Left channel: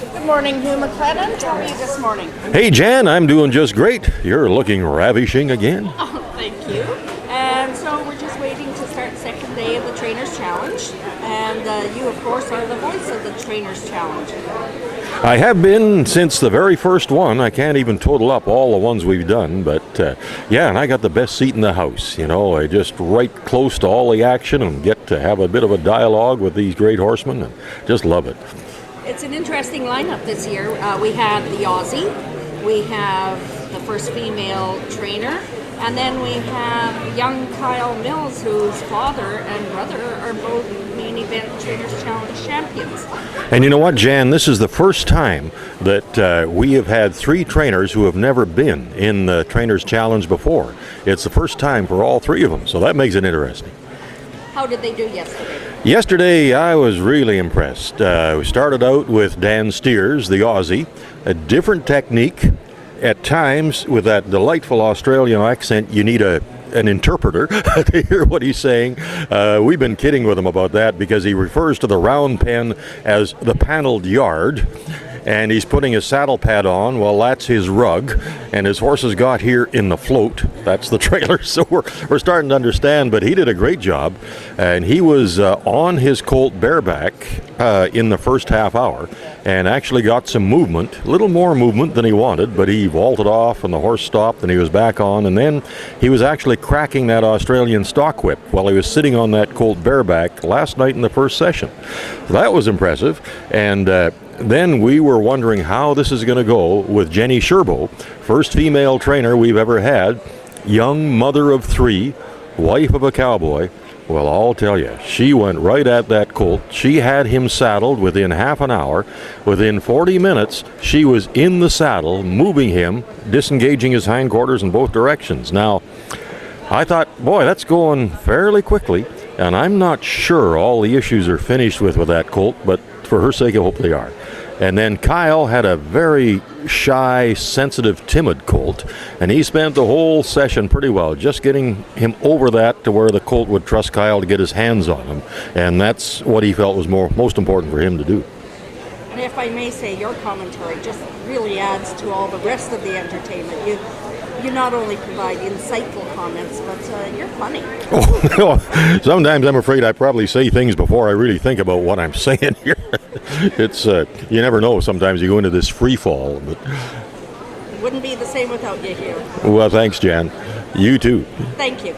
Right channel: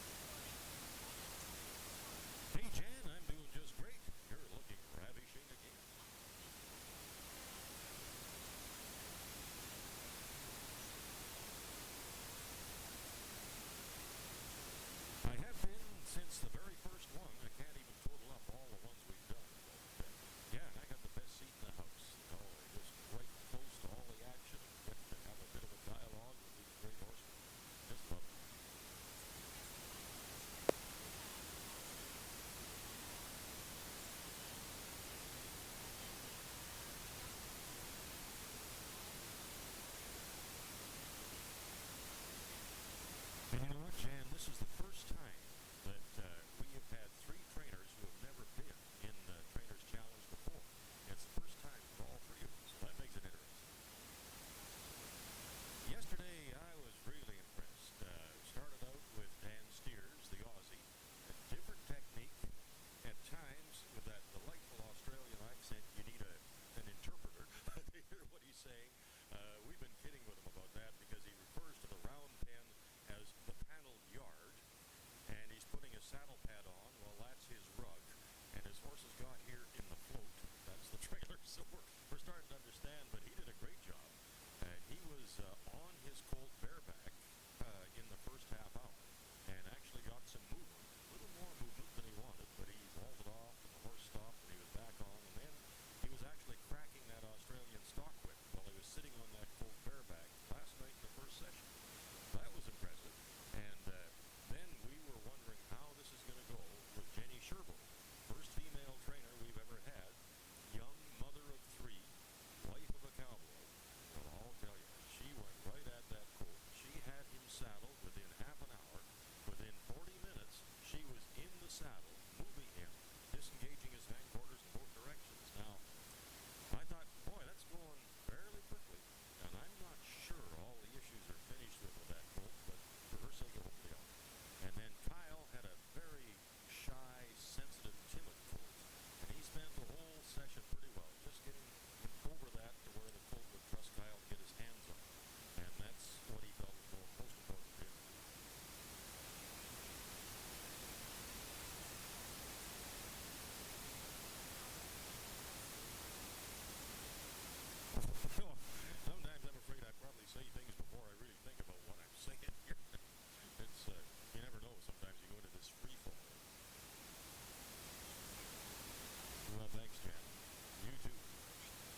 Good morning, Hugh McLennan. How are you this morning? Hey Jan, I'm doing just great. You're looking ravishing again. Oh, thank you. And so we're just waiting to start the second day of the Trainers Challenge. And you, of course, are the voice of the Trainers Challenge. I have been since the very first one. I can't even total up all the ones we've done, but yeah, and I got the best seat in the house. You know, I just right close to all the action and get to have a bit of a dialogue with these great horsemen and just love it. It's an interesting lineup this year. We have the Aussie, we have the first female trainer, and then we have young Kyle Mills, whose father and brother are both main event Trainers Challenge champions. And you know what, Jan, this is the first time that we have had three trainers who have never been in the Trainers Challenge before. It's the first time for all three of them, so that makes it interesting. How did they do yesterday? Yesterday, I was really impressed. We started out with Dan Steers, the Aussie, a different technique. At times, with that delightful Australian accent, you need an interpreter to hear what he's saying. We've been kidding with him about that because he refers to the round pen as the paneled yard. And he's putting his saddle pad on. Well, that's his rug, and his horses got here in the float. That's the trailer. So we're starting to understand, but he did a great job, and he was on his colt bareback in the first half hour and actually got some movement, a little more movement than he wanted, but he vaulted off and the horse stopped and he was back on, and then he was actually cracking that Australian stock whip while he was sitting on that colt bareback last night in the first session. So that was impressive, and then we were wondering how this is going to go with Jenny Sherbo, first female trainer we've ever had, young mother of three, wife of a cowboy. Well, I'll tell you, she went right at that colt. She had him saddled within half an hour. Within 40 minutes, she was in the saddle, moving him, disengaging his hindquarters in both directions. Now, I thought, boy, that's going fairly quickly, and I'm not sure all the issues are finished with that colt, but for her sake, I hope they are. And then Kyle had a very shy, sensitive, timid colt, and he spent the whole session pretty well, just getting him over that to where the colt would trust Kyle to get his hands on him, and that's what he felt was most important for him to do. And if I may say, your commentary just really adds to all the rest of the entertainment. You not only provide insightful comments, but you're funny. Oh, sometimes I'm afraid I probably say things before I really think about what I'm saying here. It's you never know. Sometimes you go into this free fall. But wouldn't be the same without you here. Well, thanks, Jan. You too. Thank you.